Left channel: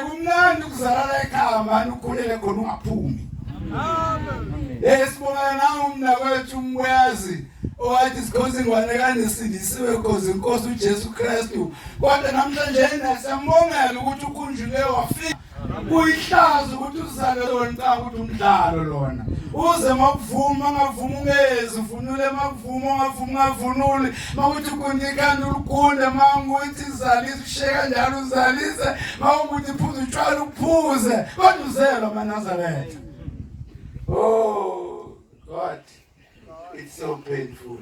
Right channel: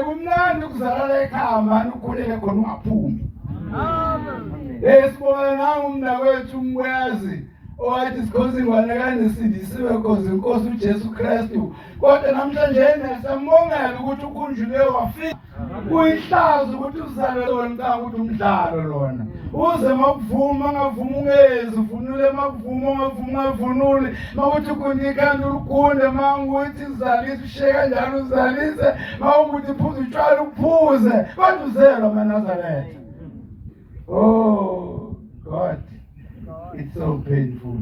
Kumnandi ukuzalala ekhaya manje ukhulele khona ungaphumi. Sibonga nawe umnakwethu umyazi owathi sikhoze ingwane kaNisindisiwe cause inkosi uJesu Kristu. Kodwa namhlanje siyambongela ukuthi ukhunjule wafika. Kuyihlazo ukuthi uzale lona xa ukuthi umdlalo lona. Uze makuvuma ngavuma ungezi uvunule makuvuma ungavunuli makuthi kunikana ulukunde manguthi izalise usheka njalo uzalise mawukuthi uphuze utshwala uphuze kodwa uzelwa maNazaretha. Oh God, it's so painful.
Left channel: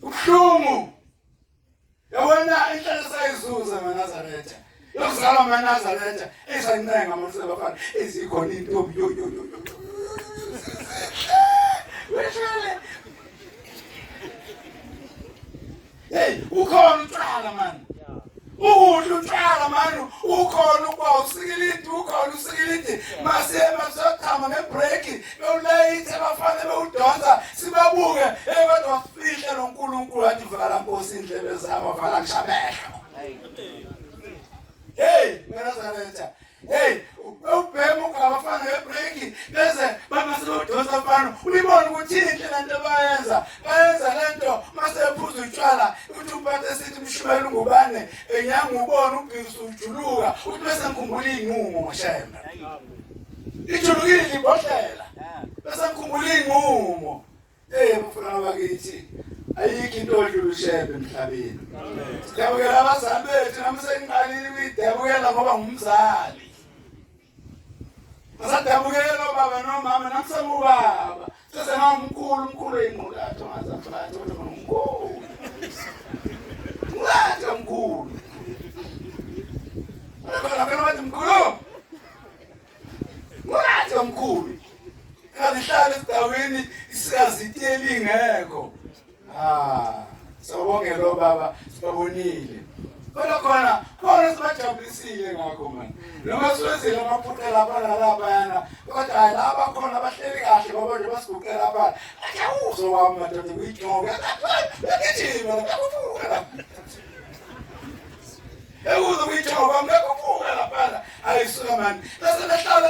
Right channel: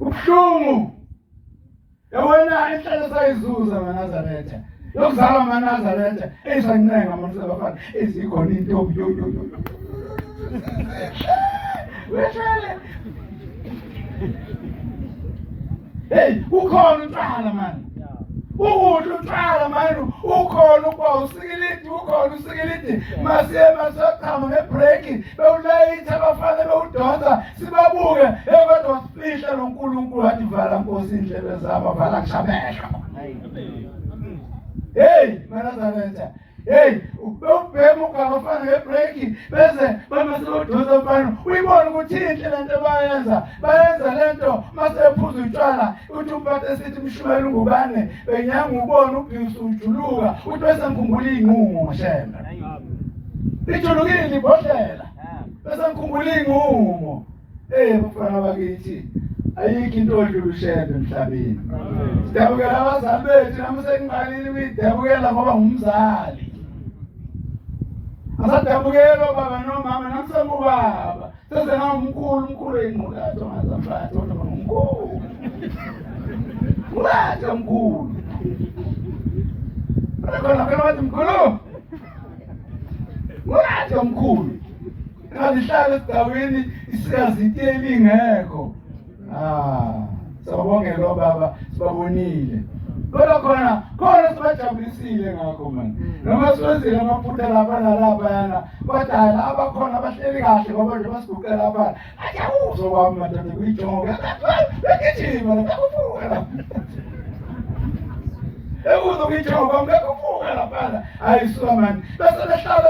Ubuhlungu yabona inhlalo sayizuza maNazaretha yokuzalwa maNazaretha esancenga manje bafana ezikhona intombi yo weshele ukhona utshwala manje ukudla utshwala manje ukhona ukwa usikilidi masema sochama ngebreak bewulayitha bafana bewudonsa sibabuke kodwa sifihla loNkulunkulu wathi vala Nkosi indlebe zabo vala kushamehla. maNazaretha ubhema ukabafana ngebreak bese bamasebodonsa mfana uyibona ukuthi inhle lento bayenza lento masephuza utshwala uthi umphathe sithi mshumela ungubane benyanga ubona ubhisu ujuluka uthi bese ngikhumbula inqumo ngoshemba ijulukile libhodlela bese ngikhumbula inqumo bafana bakithi ayikho into odlula ushembe emhlabeni. Sidabukela abazali bethu nami sengiqalile ukuyidabukela ngoba ngumzali. Asadabukela baba nomama nakusema ubaba sese ngumkhulu enqulathi ongazamfathi kodwa ngumkhulu. Ngulathi omkhulu. Akona bathi mkhulu. Ngulathi omkhulu. Ngalihlala esidaweni isikaziteli ingekho. Sawubongela baba sibabonile. Kodwa khona sibajabulisile ngakho manje. Noma siwenzile amaphutha lapha yana. Kodwa laba khona abahleli kahle ngoba nje basiguqela lapha. Ajawuzo kwami madoda kuyijonga. Begijima lapha. Ekuzo kuyijonga ngekuvuka lapha. Ayisuka manje. Bese behlala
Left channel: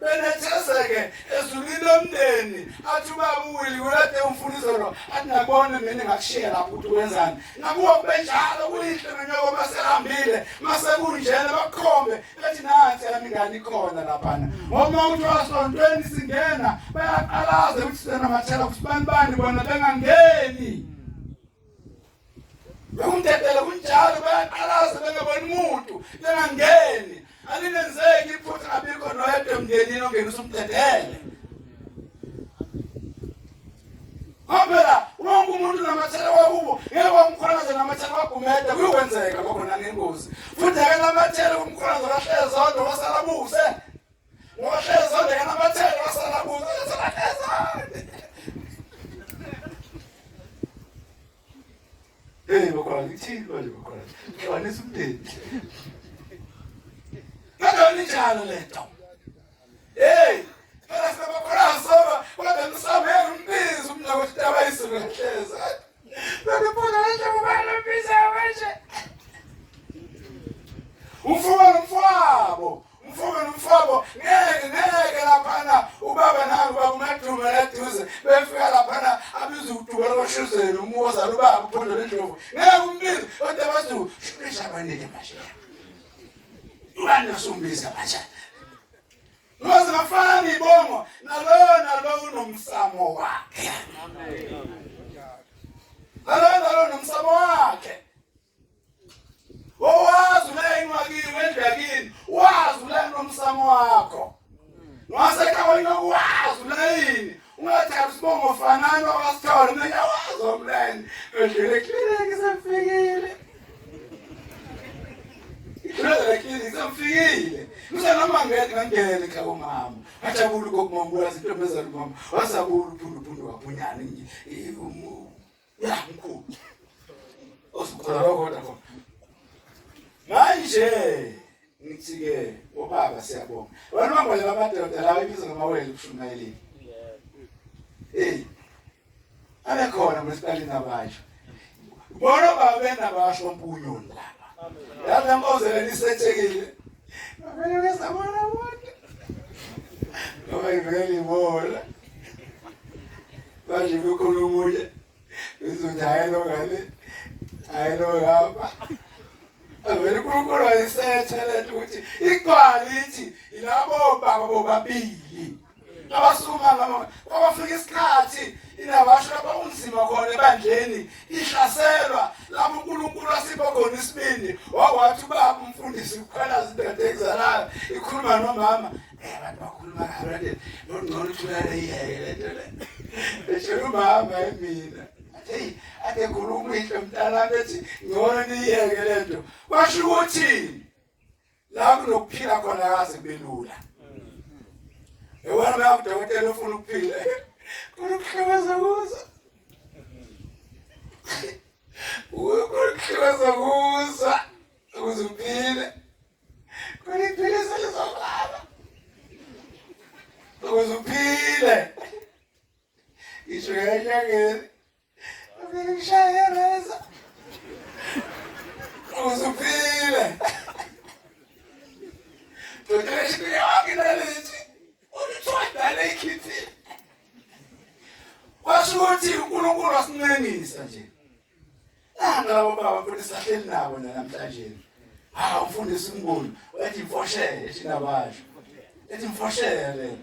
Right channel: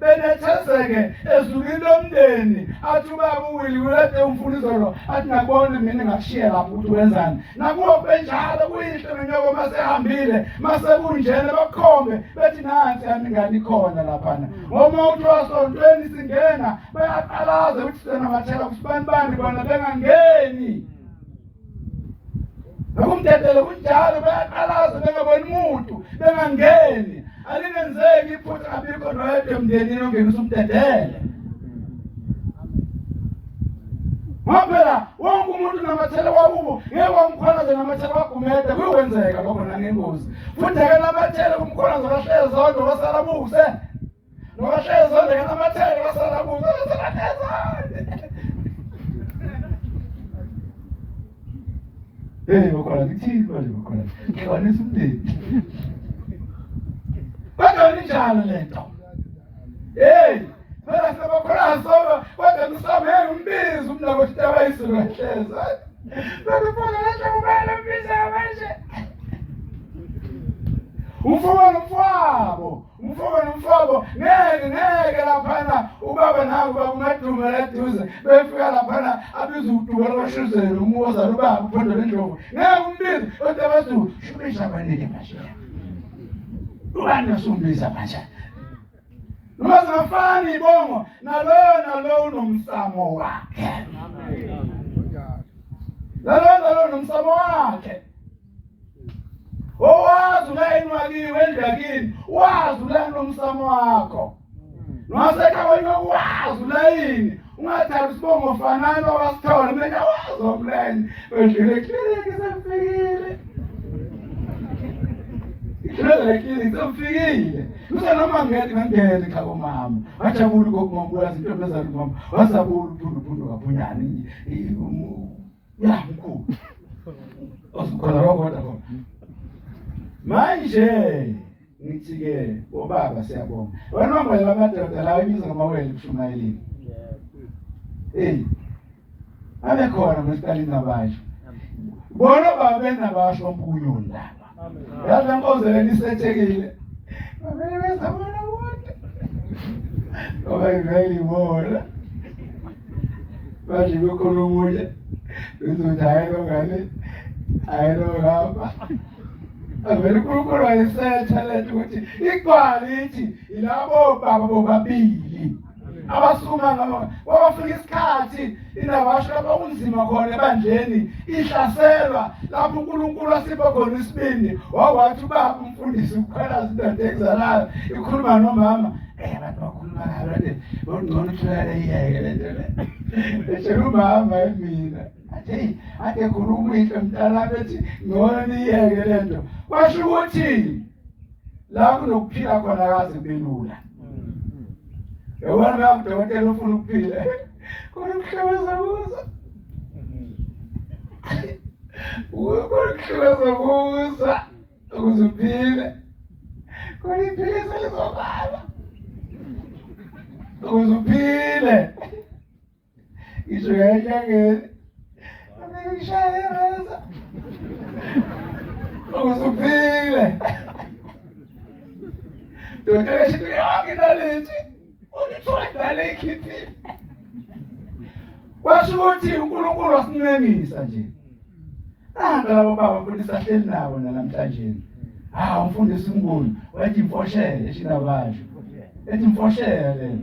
benethezeke ezulwini lomndeni athi ubaba uWilly ulade umfundisi lo athi nakubona mina ngakushiya lapho ukuthi wenzani nakuwa benjalo kuyihle nonyoko masehambile masekunjena bakhombe bethi nansi yami ngani ikhona lapha ngoma uthi wasontweni singena bayaqalaza ukuthi sena mathela kusibani bona bengangeni bekumthethele kunjalo bayaqalaza bengaboni umuntu bengangeni alinenzeki iphutha abikho noyedwa emndenini ongenisa umthethele. Ngoba wonke umuntu namathele wakubo ngeke wamkhonza namathele wagumede kuyokwenzeka lokho nangengozi. Futhi ke namathele kumkhonza wahleze zonke wasalabuse. Wahleze zonke namathele wasalabuse bakhona ngithini manje bakhona. Ngwanisa umndeni. Kodwa linjalo lento. Phela sibakhona soba kodwa ngisamele umbizo umnakwethu tabayisulu kahleza. Bakubona nje ubala umbizo manje. Umfowabo ngeke lapha ubaba nangu bakumadumo laduze befika lapha abiza uduba loshuzela umuza ubaba uphondo lendlovu ngeke umbizo kodwa bathi shubisha abanike manje. Ubani osumbiza manje noma zingafani ibongo nalo unomsamo wakhe. Nalo unomsamo wakhe. Owazi ulayini wakiwe endlakini wazi ulayini nomsamo wakho. Nowasekhaya ngokwazi ulayini ungathathi isibongo ofanana wasithola mina wazi umlayini wedlule clinic semfikile. Semfikile. Noma ngangena ekhaya komama. Wajabula kokumambula izinto bezalo mama. Wasabula uphundu waphunyana mkhulu. Osikhola kodwa khona. Manje ngithi ke obaba siyabonga. Wena mangwele bamadoda la ibiza ngamawele kushumayelini. Abekhona masiqalini abasho. Bona baba benabasho mpunyo ndaba. yazi Nkosi lisethekile avele wesabona wonke ngoba ivele bona manje kukhona umunye uzothi hayelo ngale hayelo ngapha avele uNkulunkulu wayesetha lento ukuthi iquality ilabo baba bobabili abasukuma ngama wabafika isikhathi inabasho abakunzima khona ebandleni ihlaselwa lapho uNkulunkulu asipha khona isibindi wawathi ubaba umfundisi ukukhwela izinto ekuzalayo ikhuluma nomama abantu bakhuluma ngalo ngcono thulele iyeke lento le eshela umama emina ade khuluma into mntana bethi ngcono niyeke lento kwasho ukuthi la kunokuphila khona kaze kubelula yabona udokotela ufuna ukuphila kunokuhlebeza kuza kunokuhlebeza kuza ukuze uphile kunokuphilisa lizobala ukuze uphile isho ngeke ngishayereza ukuze uphile dokotela shithi yonke nalethi uthola ikhithini kwasho ukuthi uNkulunkulu wasincenisa nje nanga labo baba futhi sahleli nabo namhlanje umfundisi uNkulunkulu wathi mfoshele shinabasho ethi mfoshele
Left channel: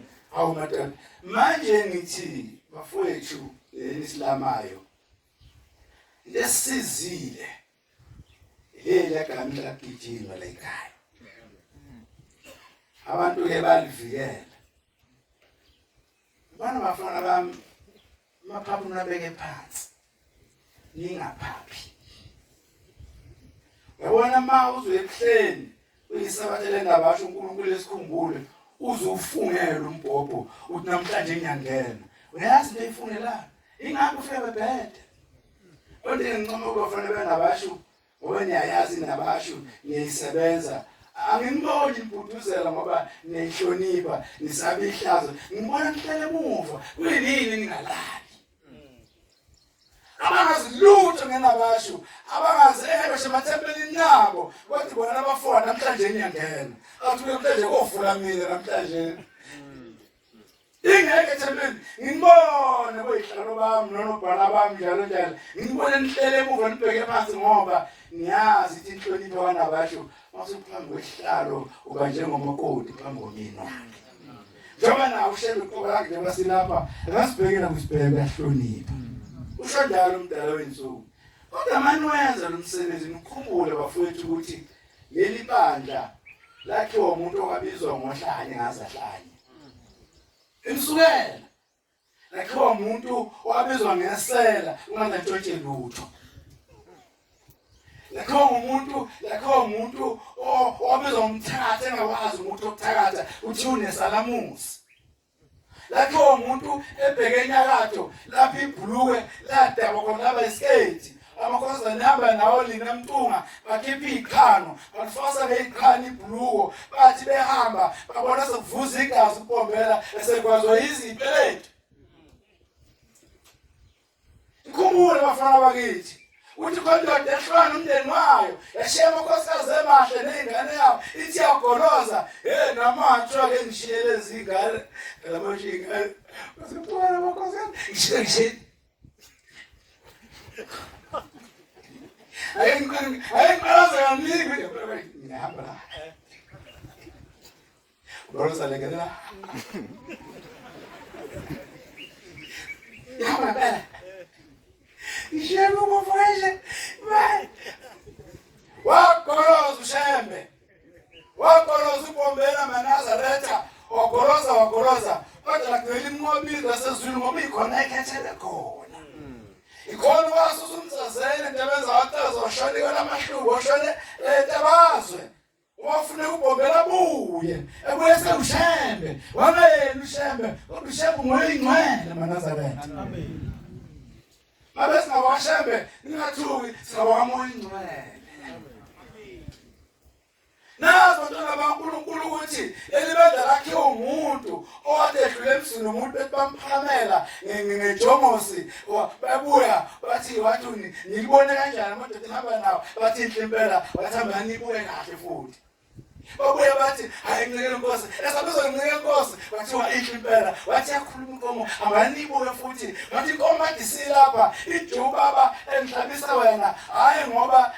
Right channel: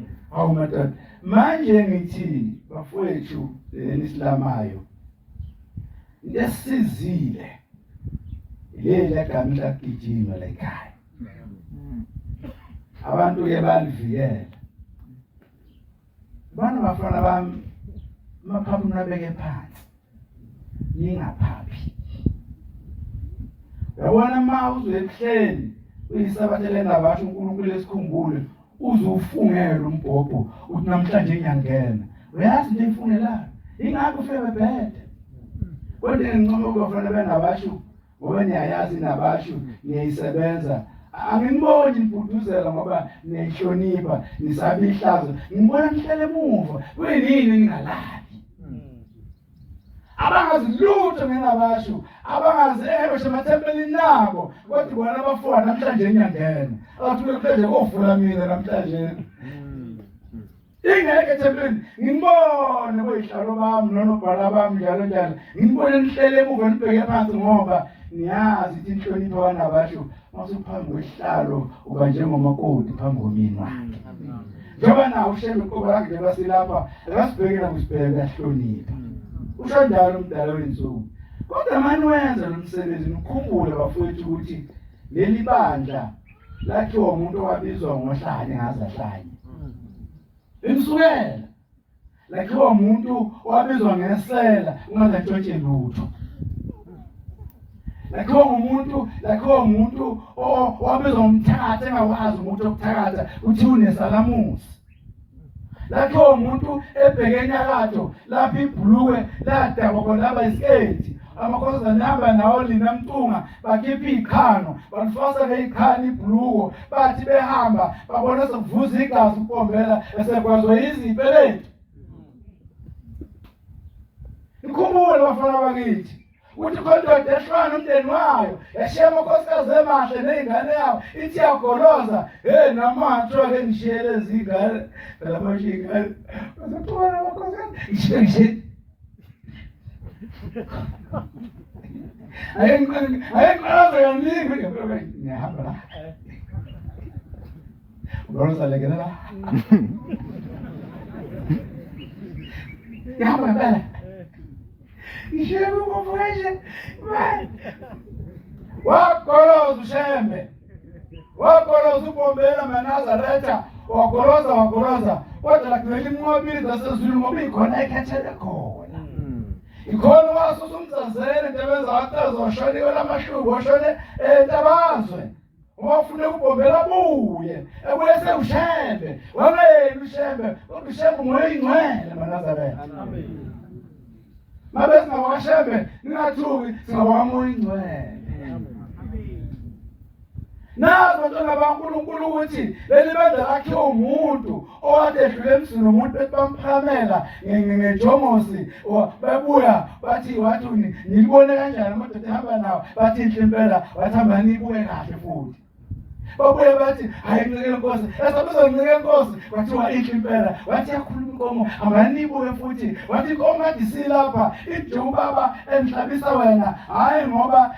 madoda manje ngithi bafowethu lenisilamayo into esizile ile gama lakugijima la ekhaya abantu ke balivikela bana bafana bami maphaphu nabeke phansi ningaphaphi yabona ma uzwe ebuhleni uyisabathele ngabasho uNkulunkulu esikhumbule uzufungela umbhobho uthi namhlanje ngiyangena uyazi into eyifunelayo ingakho ufike bebhede kodwa ngincoma ukufana benabasho ngoba niyayazi nabasho niyayisebenza angiboni impuduzela ngoba niyahlonipha nisabe ihlazo ngibona nihlele emuva kuyini ningalali abangazi lutho ngenabasho abangazi ebashe emathempelini nabo kodwa bona abafona namhlanje ngiyangena athi namhlanje kofula mina namhlanje ingeke ethempelini ngibone boyihlalo bami nonobhala bami njalo njalo ngibone nihlele emuva nibheke phansi ngoba niyazi ukuthi inhlonipho wanabasho masuphambi kwehlalo uba njengomakoti phambi komyeni wakhe njengoba nawe ushebe uqobo lakhe basilapha akasibhekela kusibheke yahlonipha usho njalo umdala wensuku kodwa manje wenza lo msebenzi ukukhumbula bafowethu ukuthi leli bandla lakhiwa umuntu owabizwa ngohlanye ngazahlanye imsukela lakhiwa umuntu owabizwa ngesela ungazatshotshe lutho lakhiwa umuntu owabizwa ngomthakatha engakwazi umuntu okuthakatha uthi unesalamusi lakhiwa umuntu ebheke enyakatho lapha ibhuluke ladaba khona laba isketi amakhosana namba nawo lina mtunga bakhipha ikhano balifasa ngekhani ibhuluko bathi behamba babona sekuvuza igazi upombela esekwazwa izipeletu ikhumbule bafana bakithi uthi kondoda ehlwana umndeni wayo yashema unkosikazi emahle nezingane yawo ithi yagoloza namatho ake ngishiyele izingane lamasho ingane basephona abakhosikazi ngishiye ayengqalaza kaningi ngiyahamba la ubaloza lekelela yahamba ngempela ishebe umfresh man wagoloza ushembe wagoloza ubombela manazaretha wagoloza kodwa lakuvela imnqobile zasezulwini ngoba ikhona ekhethele khona ikhona wasuzumzazele ntebenza wataza washone kwalamahlubu washone entabazwe wafuna ukubombela buye ebuyese ushembe wangayeni ushembe kodwa ushembe ngoyingcwele manazaretha amen mabe singawashembe ningathuki singawamoya ingcwele nazo abantwana baNkulunkulu ukuthi leli bendla lakhe umuntu owathi edlule emzini umuntu bethi bamphamela ngejomosi babuya bathi wathi nilibone kanjani amadoda ehamba nawo bathi inhle impela wathi hamba nibuye kahle futhi babuye bathi hayi ncike inkosi esabizwa ncike inkosi wathiwa inhle impela wathi yakhuluma inkomo hamba nibuye futhi wathi inkomo adisilapha ijubaba enhlabisa wena hayi ngoba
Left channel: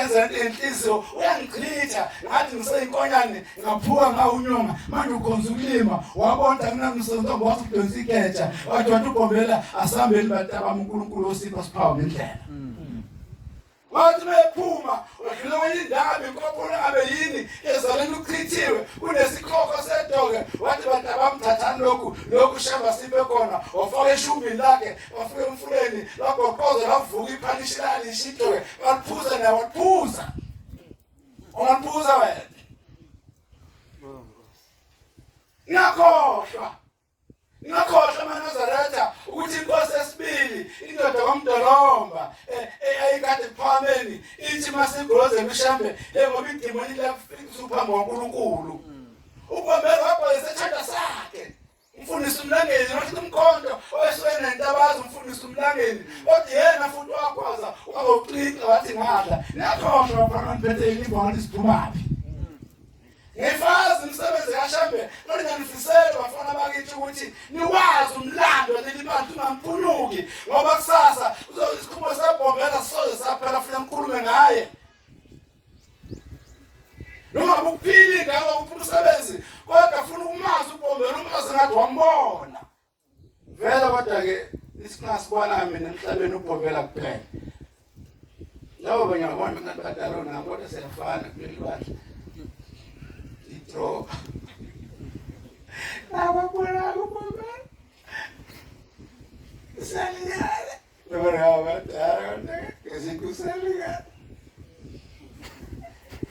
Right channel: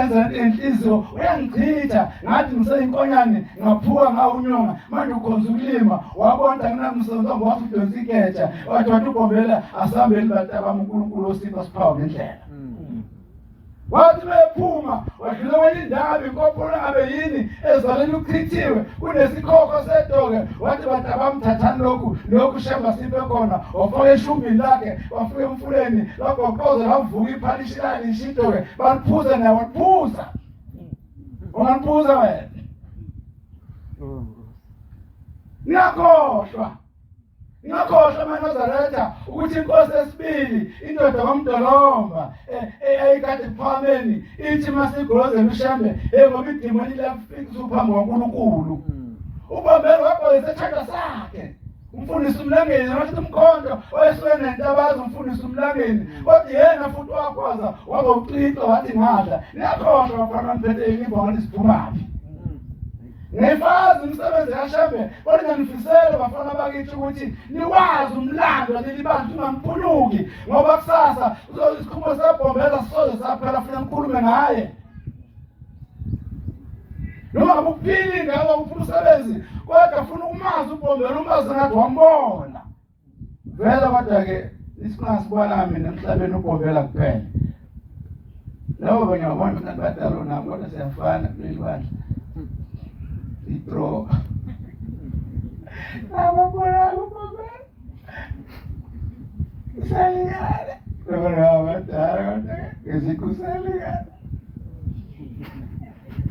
enza inhliziyo uyangichitha ngathi ngiseyinkonyane ngaphuka ngawunyonga manje ukhonza ukulima wabona kunamsonto wathi udonsa iketsha wathi ugombela asambeli bataba uNkulunkulu osipha siphawu ngendlela wathi bephuma wadlula kwenye indawo inkopolo ngabe yini ezaleni uchithiwe kunesikhokho sedoke wathi batabamthathani lokhu shamba siphe khona wafaka eshumbini lakhe wafika emfuleni lagoqoza lavuka iphanishilani ishidoke baliphuza naye waliphuza ungaliphuza wena Ngakhohlwa maNazaretha ukuthi inkosi esibili indoda kaMdolomba ayikade phameni ithi masigozela ushambe ngoba idimoni lafika uphambi kaNkulunkulu uBombela waqoyisa isithanda sakhe umfundisi umlangeni wathi umkhonto oyesuke nentabazo umfundisi umlangeni kodwa yena futhi wakwaza wazocika wathi ngadla ngakhohlwa bafana niphethe ilimbo ngathi siphumaphi ngefazi umsebenzi kaShambe kodwa ngifisela bafana bakithi ukuthi niwazi umlando lelibantu ungamphuluki ngoba kusasa uzosikhumba seBombela soze saphela futhi ngikhulume ngaye noma ukuphili ngawo umsebenzi kodwa ufuna ukumazi uBombela umazi ngathi wambona vele kodwa ke isingasibona mina emhlabeni uBombela kuphela labo banyabona ngathi badalo nabo kodwa siyafana kuleli bandla itro ababona uBombela saliyale baba badala ngezikusaliga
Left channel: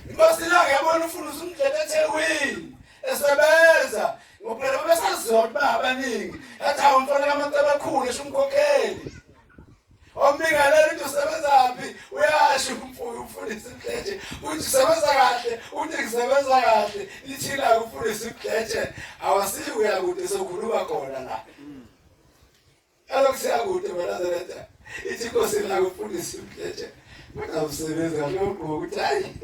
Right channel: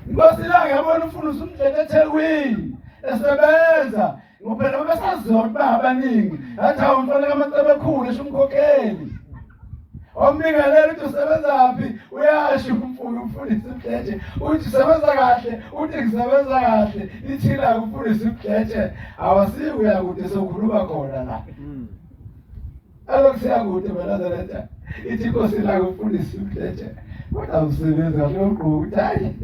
Inkosi la ngiyabona ufuna usumdlele eThekwini esebenza ngophela besaziwa ukuthi abaningi athi awumfana kaMacebe ekhulu eshumkhokheli omningalela ukuthi usebenzaphi uyasho umfundisi uMdletshe uthi usebenza kahle uthi ngisebenza kahle ithila umfundisi uMdletshe awasikuya kude sokhuluma khona la alokusiya kude maNazaretha ithi inkosi la umfundisi uMdletshe kodwa usebenza kahle ngokuthayi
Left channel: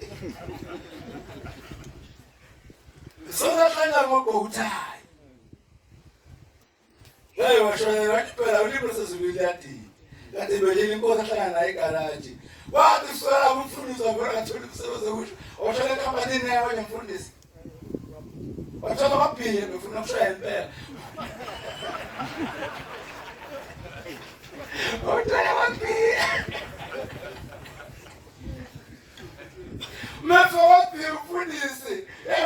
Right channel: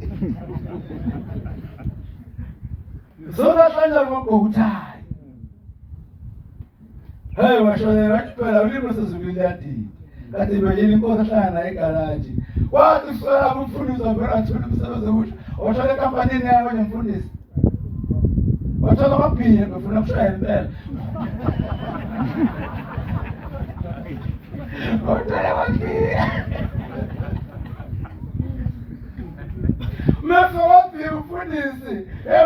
sonahlanya ngokuthayi hey washona phela ulimo sezibili kade belini inkosi ahlangana naye egarage wathi usala umfundisi wabona athula umsebenzi okusho wathola enkampanini naye kwenye mfundisi wathola amabhiya befuna ukushaya impela wathola amabhiya Mefo wapi umfundisi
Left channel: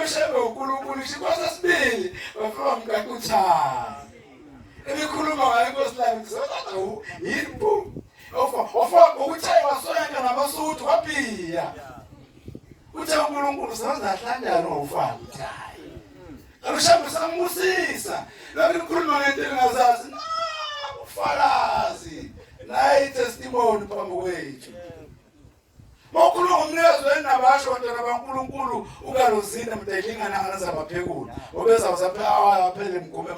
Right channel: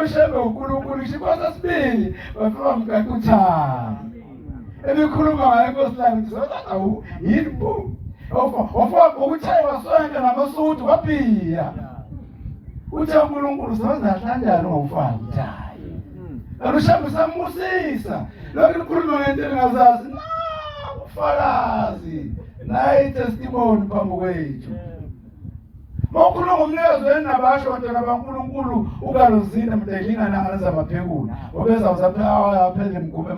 ushambe uNkulunkulu inkosi esibili bafika mkakuthayi ebikhuluma ngayo inkosi lami ngizozawu yimbu ofaka ukuthi wasonke namasuthu waphiya uthi uNkulunkulu usebenza kanjani ngofaka uthayi alushambe samusisa lokho likhuluma ngento engazazi ufakazi nayi testimony phambi kwethu Mokhuluma umnikazi wenabasho ntwana baNkulunkulu ukalozina mdelingana ngalaza baphekula obeza usaphela phele mgume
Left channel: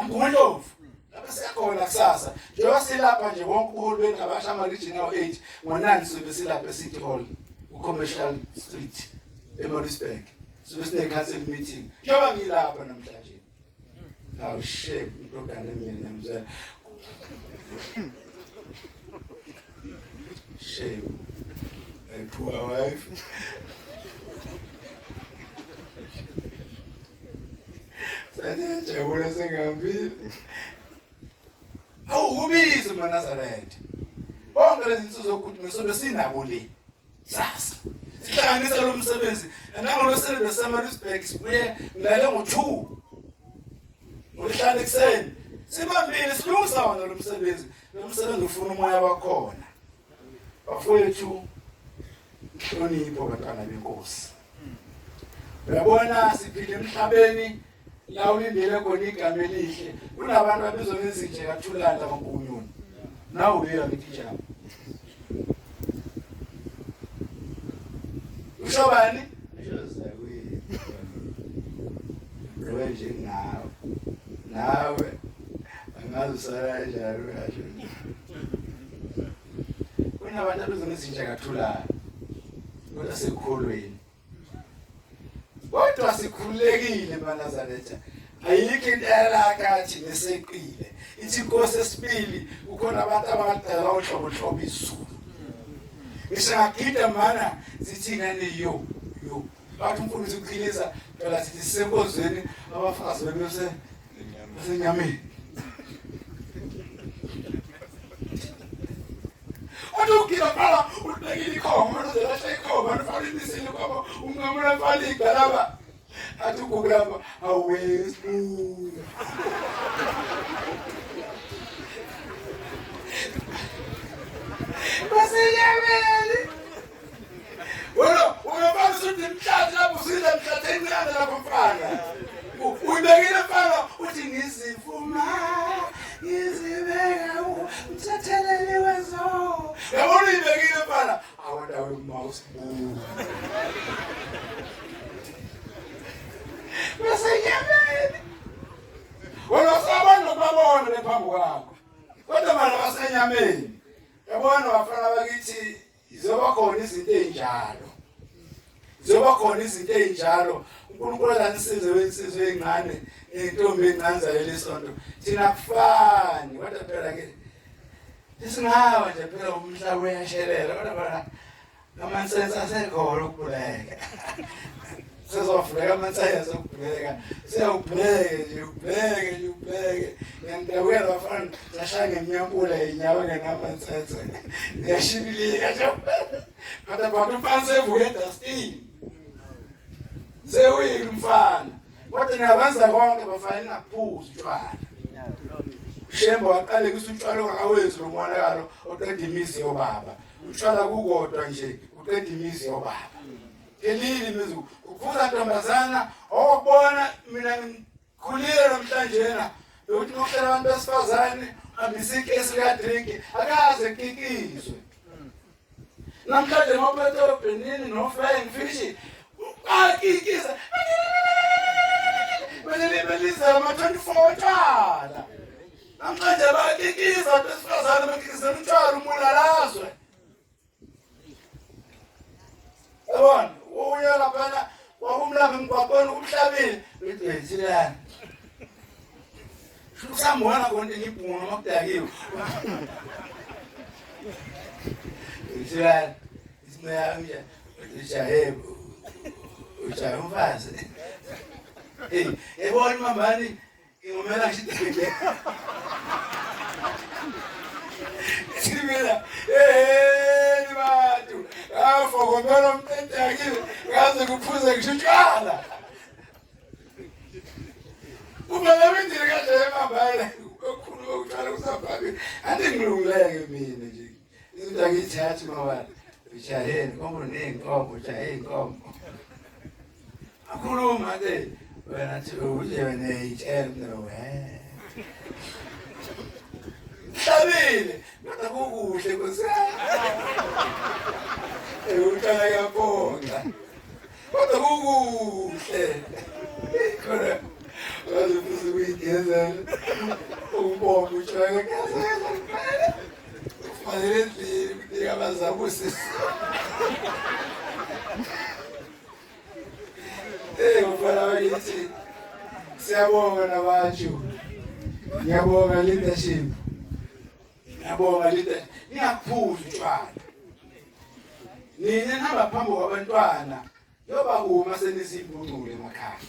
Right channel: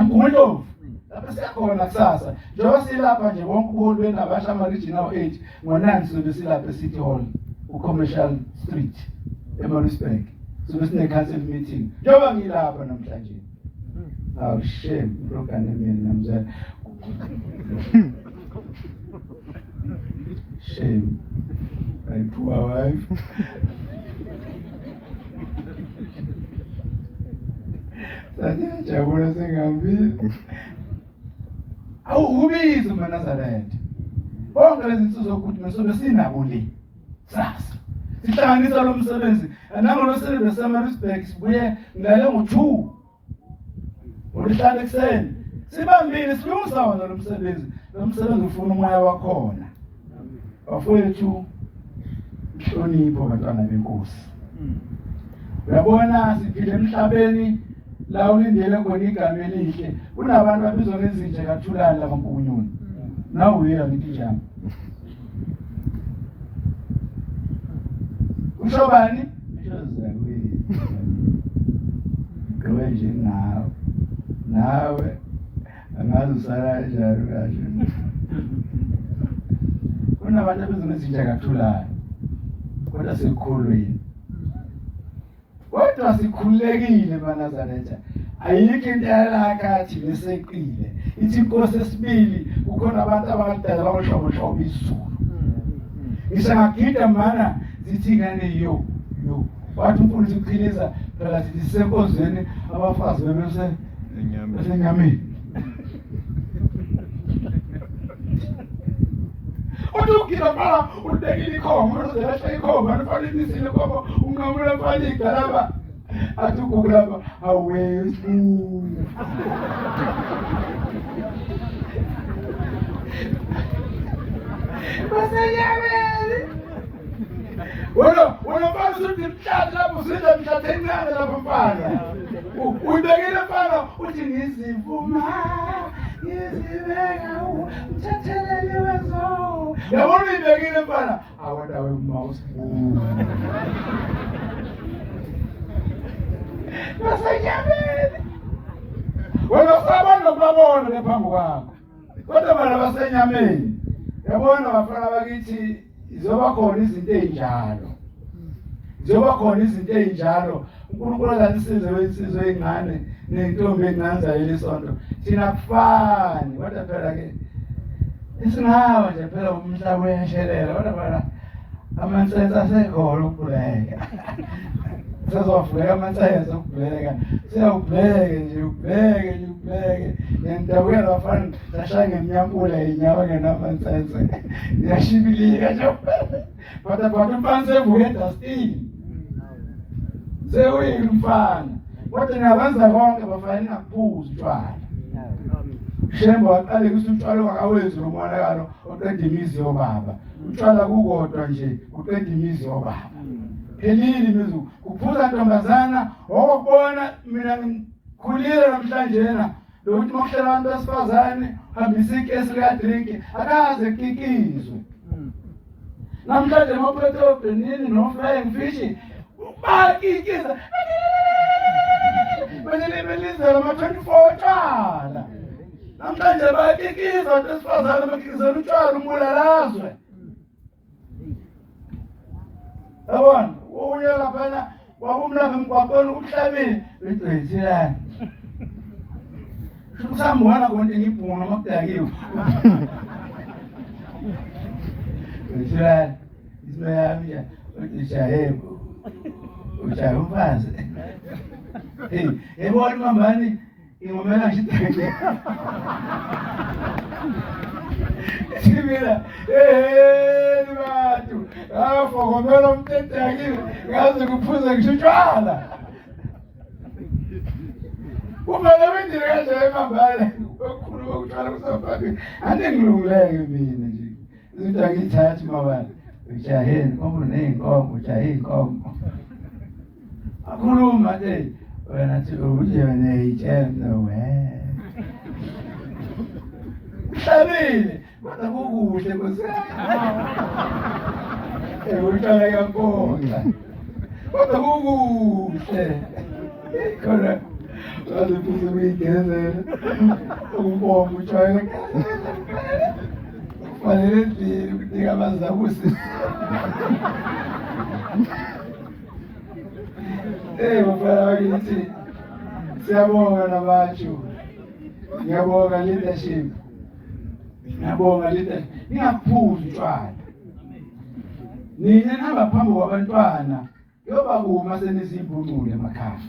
Mkhulu lapha siyakhona kusasa njengoba silapha nje wonke ubuholi benabasha ama regional 8 ngo9 sobe silapha eCity Hall uCommercial Street eMaritzburg sobe sine council meeting njengoba ngilapha namhlanje aw shame program yami namzela shame my poor wife Jabula sengambili awubizi maNazaretha bonke lezi zinto zokuthi mesobe sinabo le sasa sihlanganisa lo msebenzi nango sebenza seMaritzburg sibuye ngilale ngo2 ulihlala ekseni sibambile silungisa wona lo msebenzi ufuna umoya wakhona bafowethu inhlonipho bantwana benkosi uyabona siphile emhlabeni la ulindele khona igama elihle kunabantu abizwa ngezinje kaThulani kaMpunyuni nawe uya ngithi njalo usho bani ushoza kuyi gqoke nje ngawe nawe angazi usala kanjani kasho kunabantu abezingezinja kathulayo kodwa sekhulweni kodwa sikhulekile banazaretha ayikho into yalakathi neseqile ithi inkosi esibili kukhona abantu abadala bawuhlobo izulu ngisagida mana zithi ngane yo wathi umfundisi uqhiliza phela sithi sisenkozweni abafazi bebese enyameni ukugida phela ubekile ikhoma uzelahle ikhoma ufale nisile khoma ungamula fale igalaba athi ukukulapha awesibu basenyameni wena mfana uthi mhlathi lapho usindla mhlathi encane lapho mfana uyibekile mfana uthi ngizivuma ngizibeka umthatheleli wezo yabona uyibekile mfana awadawe mouse boo basenyameni wena usabona lokubabona lephambi kwakho kodwa bana basenyameni yabona bafana bakithi izoba khona izinto ezinjalo uNkulunkulu azisize wensizwe ezincane nentombi ezincane zayo lesonto thina kufani kodwa phela ke isingaba nje phela umhlaba uyashelela kodwa bana amansense asekhona ukubuleka sezofika amansense ukubuleka siyawubheke nje ubheke ngendabuya bafana sashaya ngemnyampula inyawo ngenamansense ngiyashibilika nje kodwa umfana sevuke dustini sewuyile umfana kodwa ngiyabanza konke bafana ingaphuzi utshwala shemba waqale kuthi utshwala ongakawenzi lo mwanakalo oqeda imizi yobaba utshwala kukodwa nje uqeda imizi yobaba phelile imizi kuphuza ntombazana okubona mina ngikhulile namhlanje na lokuthi makuhlela abantu besifazane hambisa ikesi lika drink akaze kikizwe namhlanje ngophethe obhenini no flying fish bakikiza belizela ama 24 tshwala namhlanje bakikiza abantu besifazane bakizela utshwala umulalazwe yabona uyela phela wakumlapha emgwaqweni umhlabile bethwethilana usambona konke ngibhunga makudakiwe bethilana isinoyami uJahebo umfazi yebona mambani ingomela ngideke sibila bantu afokomela umtethakiwe ngaze kuphuze ngishutshwala kumele wendile kanje mambala okukhuluma ukutshwala kusafaki andingilungileke mina nje izinto angithathi mabala ujaheni kombo nenkombo ujahe inkombo akhuluma ke wena thi uje wena itshemno Tabile, kodwa kukuhle kusasa. Uqala yapona. Kodwa kukuhle. Khona wathi kuyigezela. Umbongo utshaya ngezela. Fanele ndile ukuthi abazabusi. Ufana wakithi siyabonga nabatshu. Ngiyabonga leadership. Ngiyabonga leadership. Ngiyaphuza utshwala. Nina nihamba phambi kwabantwana yoba kuma senisibunule emakhaya.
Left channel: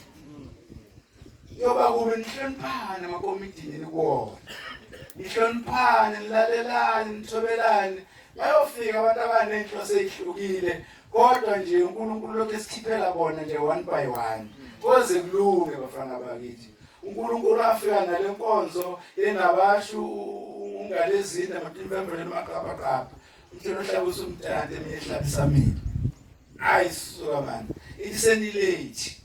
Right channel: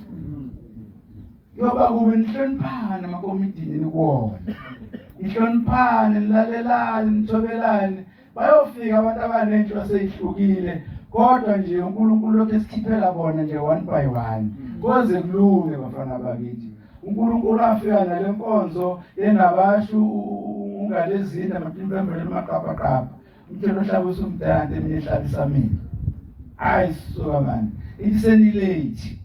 Yoba kuma nihloniphane emakomitini nikuwona. Nihloniphane, nilalelane, nithobelane. Bayofika abantu abanenhlo seyihlukile. Kodwa nje uNkulunkulu lokho esikhiphela bona nje one by one. Koze kulunge bafana bakithi. uNkulunkulu afika nalenkonzo yenabashu ungalezinda amatimvembele emaqapaqapa. Umthelo hlaba usumdante eminye ehlabisa mina. Hayi suka manje. Ithi senilate.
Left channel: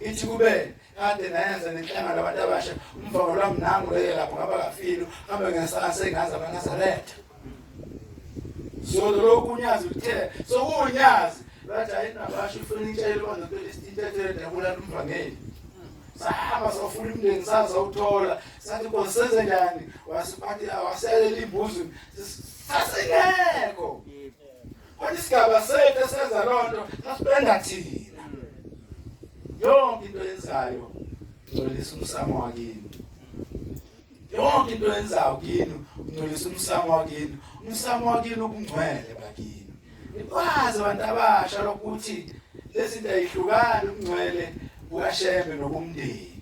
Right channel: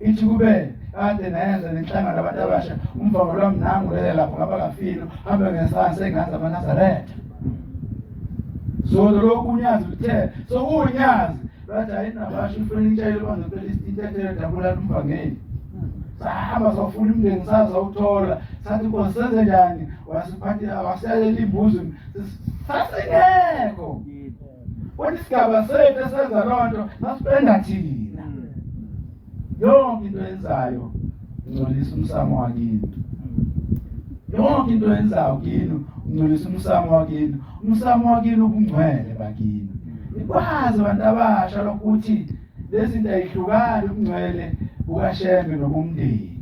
Ithi kube ade nayenza nenhlangano labantu abasha umvalo lwami nangu lapho ngaba kafilo hambe ngesansi engazi amaNazaretha. zolo lokhu unyazi uthe sokunyazi bathi ayinabasho ifurniture elibanza pelistithathe dabula umvangeli sahamba safuna umndeni sazawuthola sathi Nkosi senze njani wasiphathela wasiyalela imbuzi sasingekho kodwa isigaba sethu senza lonto sasipenda thina yonke into yenzayo ngcolisa umsamo wakini yonke into yenzayo kini ngcolisa umsamo wakini umsamo wakini ubungcwele bakini ikwazi abantu abasha lokuthi lezi zinto ayihlukani ubungcwele bukaShembe nobumndeni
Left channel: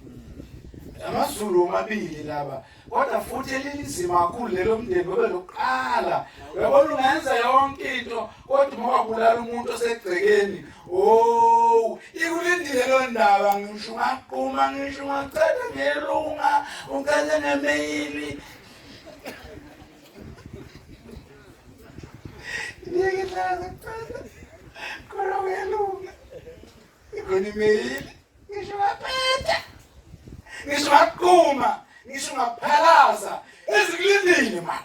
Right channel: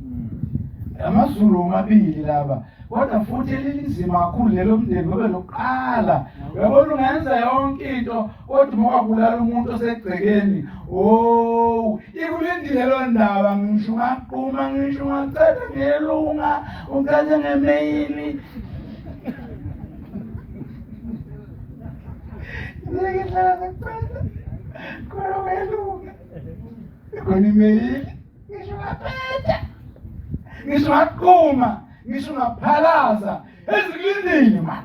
amazulu omabili laba kodwa futhi elinzima kakhulu lelo mndeni ngoba lokuqala uyabona ungenza yonke into kodwa uma kubulala umuntu osegcekeni ikulindile lo ndaba ngisho ngaqhuma ngisho ngacela ngelunga ucela ngemail ngihlala ngicela khona ngelunga khona email ngisho ngaphetha ngisho ngaqhuma ngisho ngaphalaza ezikulindile man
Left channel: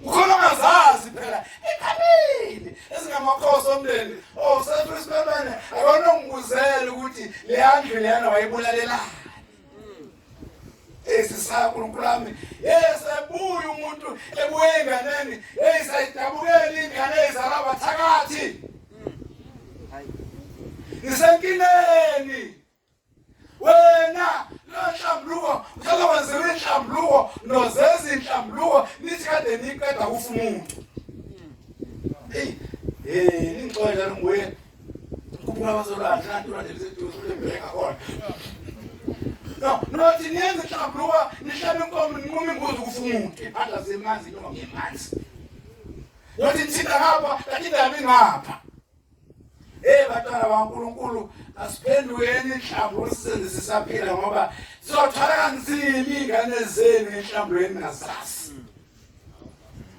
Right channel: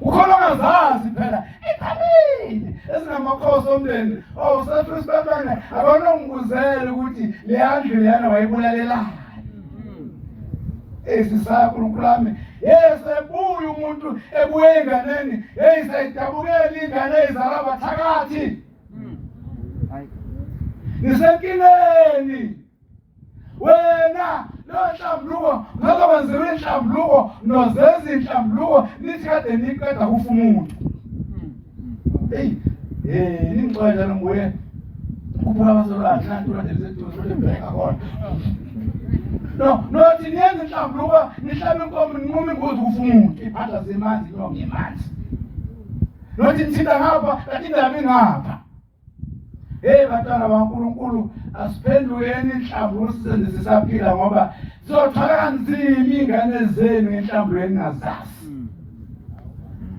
ukhona ongazazi phela ephambili ezingamakhosi omndeni sefrisbebane akona ungibuzela ukuthi leyandlu leyana wayibulalelani esisakho uNkulunkulu yesebuya umuntu ebuye enganeni sayidabukela ingane ezalaba thakathi nisenkileni wena lo nhlambuluko ngakwenziwe inhlambuluko nozeza inhlambuluko nithi kade niqeda kufa umuntu ningixolela lomoya kuphuma abazolwana nanti ulandelise embeka khona nothi niyenza inhlambuluko nihlaba inkomo ninquma imbuzi kufa umuntu iphatha zemanzi inonge emanzi nothi nithinta ngapha kanti indaba ingapha bantwana baNkulunkulu asiphendukeni inhlambuluko sisenze sisaphila ngoba sizothwala kanzima ingane zenu enhlambulweni nazazi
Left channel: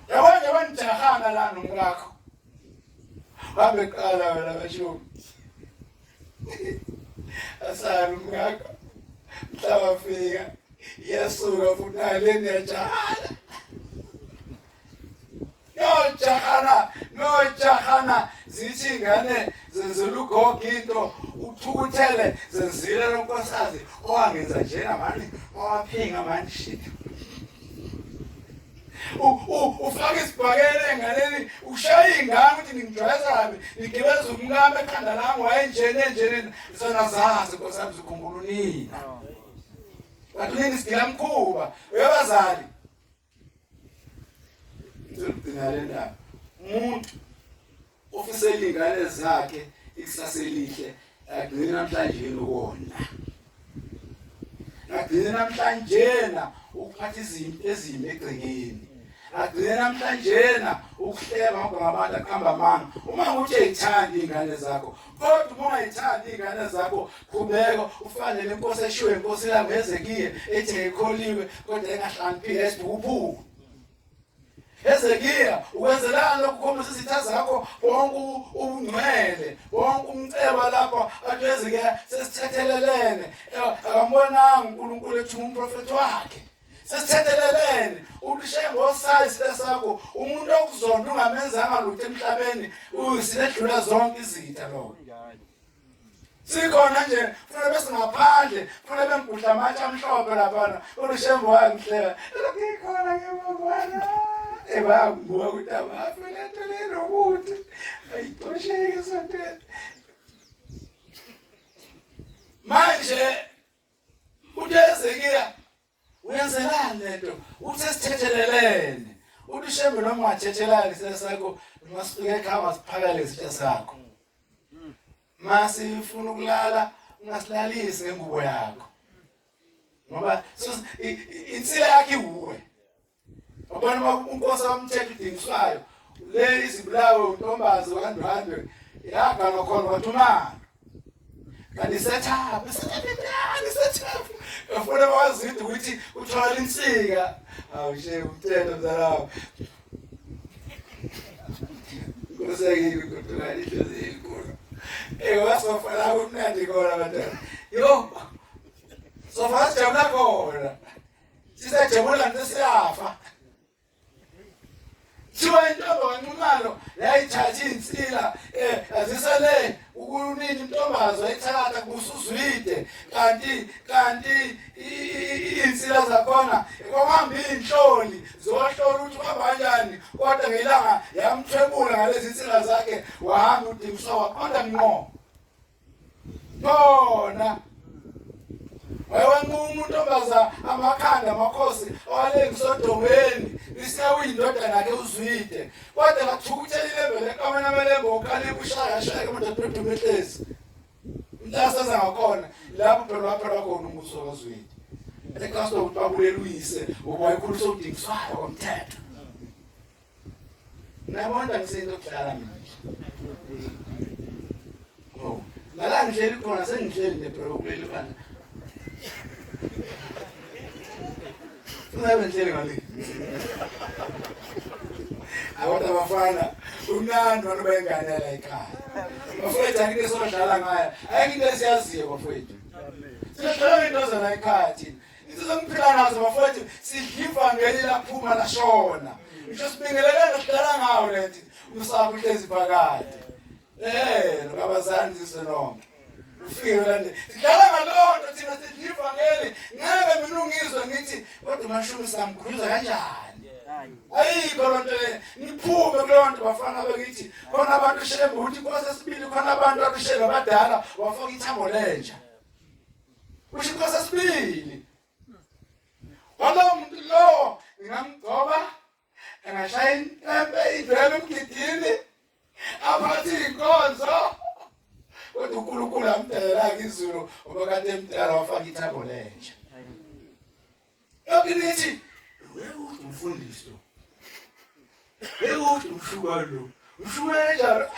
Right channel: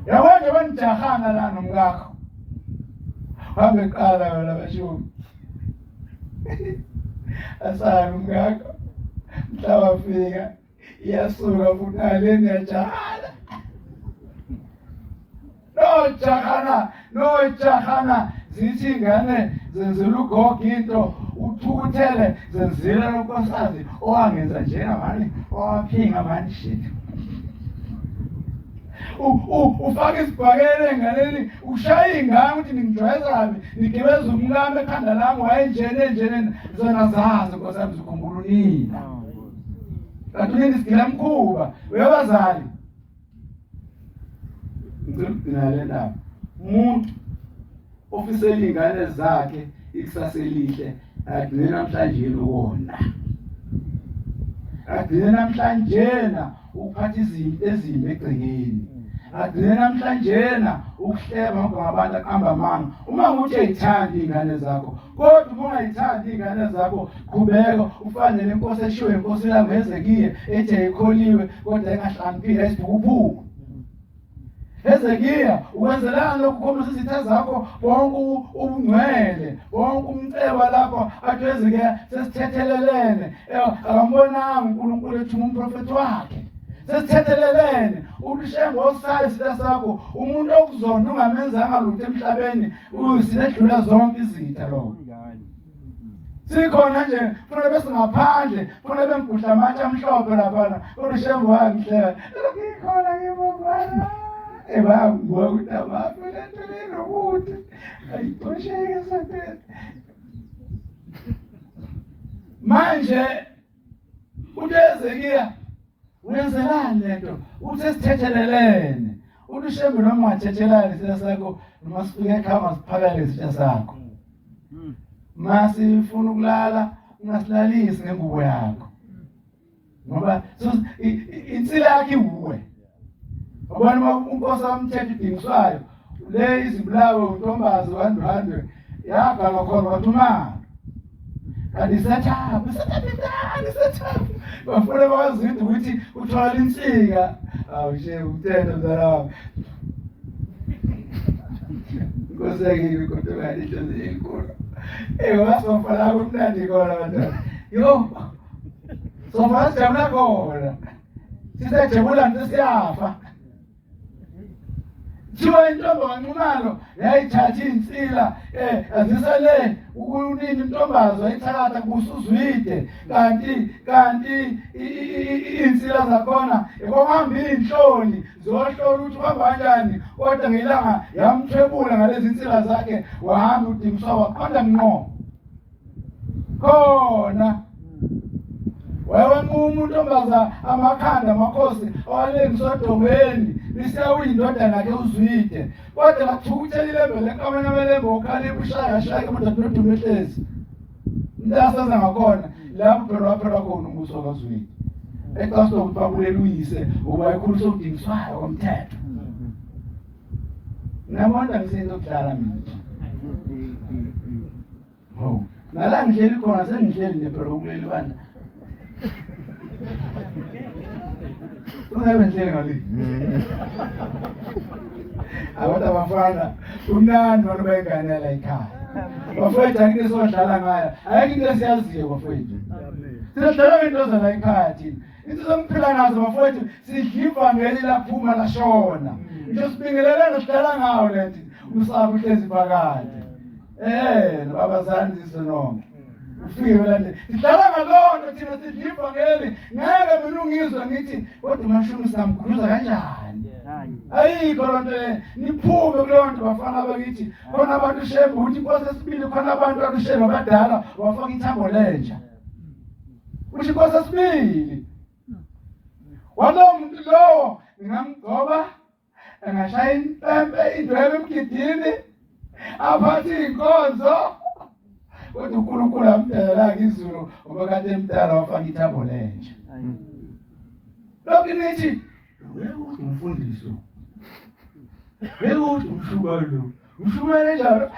yabona banijahanga la nomkakho hambe qala wena bashomi asana umkakho mhlaba fika iyasuka futhi aleni yajahala no zithi ingane zenzela ugogo into uthukuthele zenzile lonkosazi owangenza njena manje owaphinga manje shit ufaka isibhakele enganeni ushaya ingane ukuthi ngijwayeza ngigibeza umkami ekhanda lami wayenjene zona zazi nkosazi ukhumbula unina kanti unini sigila mkhuba uyabazali ngizogcina le ndaba umuntu ofisela ingane zakhe ikusasa elihle agcina namhlanje ukona agcina namhlanje ukuphatha izinto ezimbi egcekeni agcina namhlanje ukuhleba ngabantu aqamba amanga uma nguthi ayithanda ingane zakho kodwa uma ungayithandi ingane zakho qhubeka ufane nenkosi eshiwe inkosi langezekiye ethi ayikholiwe kodwa engahlaniphile esibhukuphuku Hezekiya ukwenzelana lokukhombisa izitha zakho bonke ubungcwele bonke umceba lapho athi Hezekiya sesithethelelene akambonanga uNkulunkulu ethuma umprofeti wakhe sesithethelelene ulishengo osayi isitha sakho umuntu okuzonda ungamenzanga lutho emhlabeni uyisidlula zonke izitha lo sikhona nje kufanele bese ngaphandle kufanele bengibhudla amatshe amhlophe lapha ulishengo wangihleka ngikhona ngimabona ebabuka ukuthi abafelele ukuthi ayitosheke sonke manje uDezekiya uyenzelani lento uthe sithethelelene uLishembe noma wathethelana sesakho noma sifike ekhaya siphakale isitha sakho masifuna ukulala ungasilalisi ngengubo yakho ngoba insila yakhe uwe abona unkosi wamthetho udingiswayo le izibulawe untombazi 100 yaga ngakhona wathumana kanti sethapu bafuna bawazithi ukuthi uthola insika awushe umthetho mzalawo ngoseke kodwa ihlozi enkulu wasofala kumnandi khona bantwana yo sofala sijabula khona sisejabula nje siyafa Thiwa intombi kaNxumalo yayithatha insila azisele ukunini intombazo yayithatha kususwide kanti insila zakhona ekwahamba inhloli zohlola ukuthi uhamba kanjani kodwa ngelanga yamthwebula ngalezi insila zakhe wahamba udingiswa waqonda ngqo khona wayenquma untombaza amakhanda amakhosi awalengisodongweni lisiya indodana yakhe uZwide kodwa lathukuthela ilembe lenkamana amelembe okhalipha ushaya umuntu adumehlezi mntasaza ngakhona lapho phela waphela khona umbuso kaZwide eqaswa ukuthi babulela uyise ukuba ikhuluso udingiswayo komthetho nabona ngisinto kudlala mina nala ngihleli khona sengihleli nephela ukulela bana ungabe ngihleli ngale abantu abafana unandi abantu bayenganela ekhaya bafowethu akike sodlala ngaya ayike into esiyaziyo bafowethu sihlala into zana ekhaya thina into zongiphila nazo bafowethu sidliva ngeli laphuma lashona ngisho sibingelelana sidlala ngawo lethi usapho uhlezi phakathi nabazali sisonke ufike lande sidlala ngalonto thina sidliva ngeli ngeke mina ungizwe ngithi kodwa mashumi samkhuluza kanjani ayikho lonto le niphume kulonto bafana bakithi khona abantu shembe uthi inkosi esibili khona abantu abashembe abadala wafaka ithambo lenja uthi inkosi esibili walo muntu lo ngingamgcoba engashaya impempe idwebe emgidini aphathi inkonzo kodwa uNkulunkulu amdala izulu ngoba kade emdala wafaka ithambo lenja lokhu nithi umfundiso Uthi umshukalo umshukalo njalo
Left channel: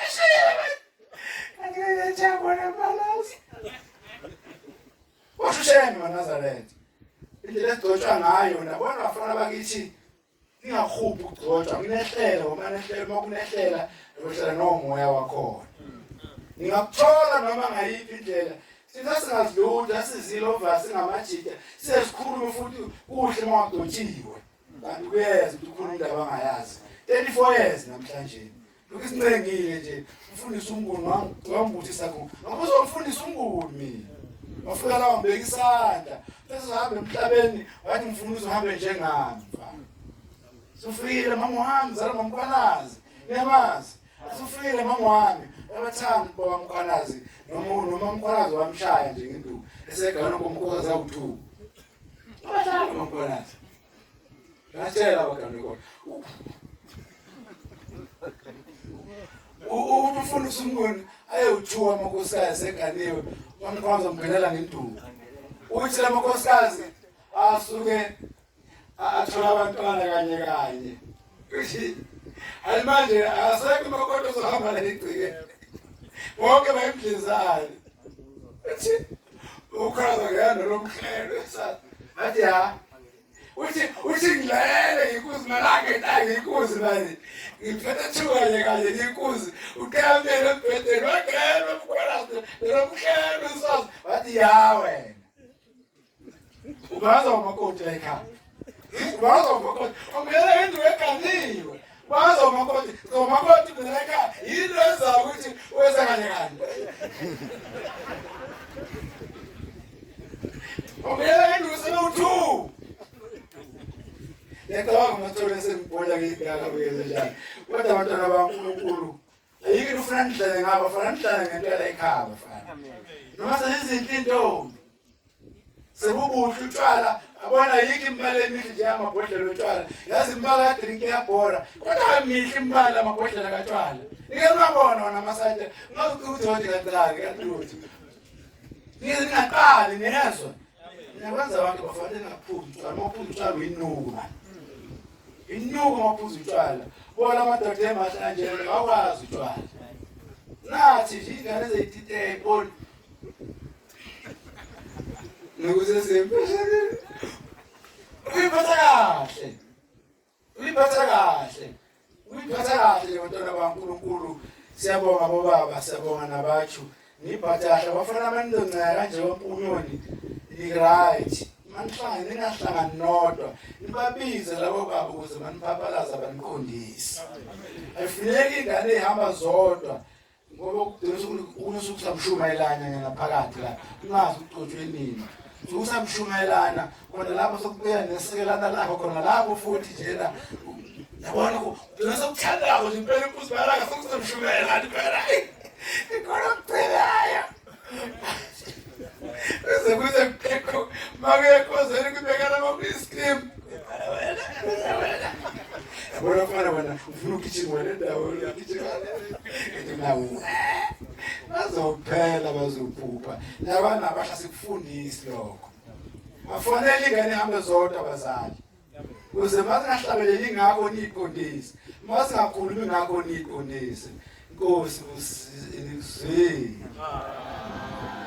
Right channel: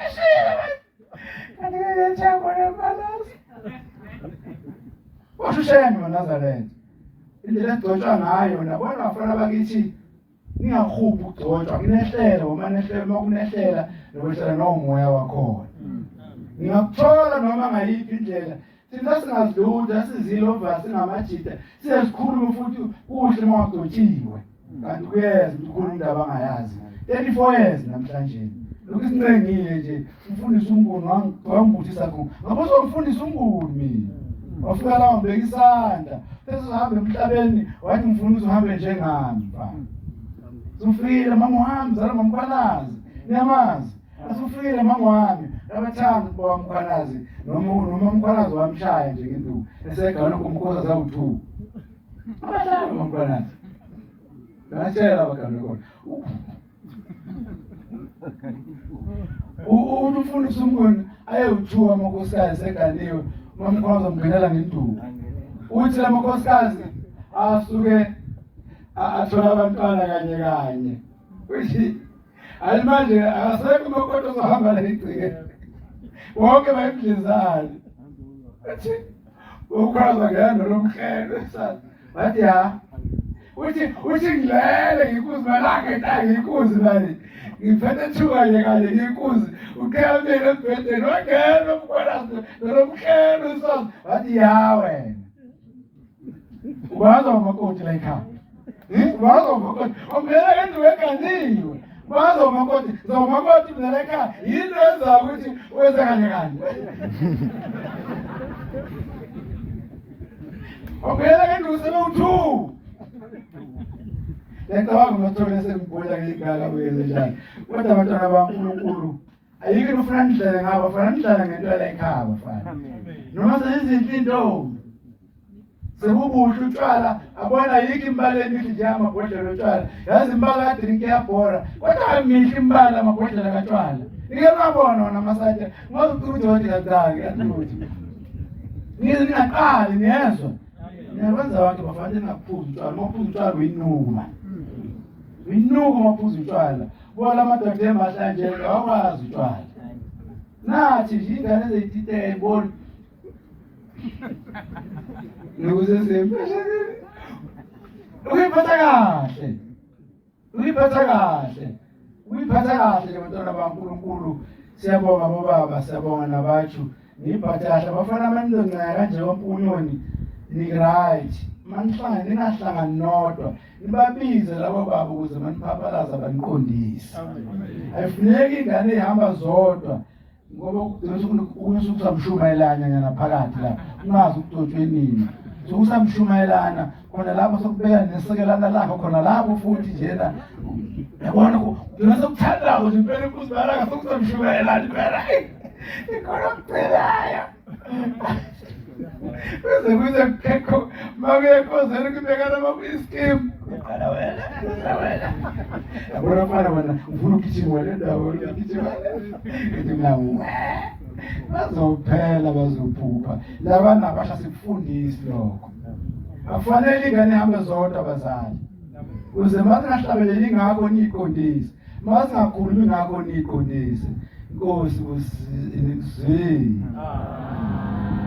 angeke ngithambo lemalasi washushenye waNazaretha indlela egcotshwa ngayo nabona abafana bakithi ningakhuphi ukugcotshwa kunehlela uma nehlela makunehlela nokuhlela nomoya wakhona ngingakuthola noma ngayiphi indlela thina singazilutha sizilova singamajida siyazikhuluma futhi kuhle mawagcotshiwe kanti kuyeza ukuthi ukhuluma indaba angayazi 34 years namhlanje lokhu isincengile nje umfundisi uMnguni wangibuthisa khona ngabe uzomfundisa uMnguni mina wafika la wambeka isandla bese uhambe emhlabeni wathi mfundisi uhambe njengami mfana sufile mama wami zala mamkhwanazi niyamazi asufile mama wami abathanda boba mkhwanazi noma umkhwanazi wamshaya nje ngenduku esegana komkhoza zawu2 abathanda mamkhwanazi Natshela abagana khona umfundisi uMnguni ayewuthuwa amakhosikazi seganiwe mamkhwaza mngenela ngenduku uthi lamakhosikazi asuke athola abantwana kanye uthi alimanje asekho imakhoto zohamba la igcike wonke bayimdlizana uthi ukwaza ngiyana lomhlelo sathi bathi uthi ngilele inkuzi malanga etake inkuzi bani ngiphethe thuka kanye inkuzi uqhamele embhedeni wangena umkhwanazi lomhlelo sathi bathi wena ubaza umakoti la ekhaya ubaza umakoti ongela endlu eganiwe baza umakoti zomakoti la ekhaya yini enza ukuthi wenza kanye ongela endlu selo2 Yacabanga mathole sengibona ngigala kuyeze njani. Kodwa abantwana baNkulunkulu ayike ufuna ndlela ngaba fana ndlela ngento la ekhaya bafana. Noma sezizinhle intombi. Sebubuhle utshwala abona ayike imbala emihle nje amabhodlela otshwala. Yazi imbala ka drink yabhora. Kodwa amihle imbala amabhodlela katshwala. Ngeke ngabona wona amasathe ngokuthi wathi kancane kanti. Ngingaqali niyezwa. Niyakwenza abantu bafanele ngaphuza utshwala. Mawuphuza utshwala uyinuku man. Inuku maphuza utshwala bona amadoda emahlanjelo akwazi utshwala nathi nje ingane ezayithithe ayiboni nokuze sembe uyiphatha kahle bantwana baNkulunkulu siyabonga bobaba siyabonga nabatshu ngiphatha kahle abafana abaningi kanje wampunyoni right manihlangane ningahlangani nodwa nibabize labo baba ukuze maniphaphalaza baniqondise ayifuneki ingane ihamba zodwa ngoba ukusamshumayelana yana phakathi la ungazi ukutotshwe nini ukusamshumayelana khona lapho sokubeka nesekelana lakho khona lapho futhi njena yabona kugcina sokuthandako nje impela impuzi bayalanga sokusamshumayelana impela ikhona okucelayo kuze kekho makuyekhozela ukubekana bakwi-scheme qala wena yabona mfana wena ufuna ukugijima le ndawo ukugijima nawo bazophela bazophupha labana abasha sikufundisi lokho afanele ingane ihambe zodwa abazali kuze masingahlabeleli ngakho niyiqondise masingakhulumi ngakho niyiqondise Inkosi usizwe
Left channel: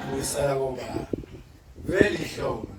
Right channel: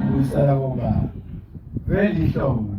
ubusala ngoba vele ihlobo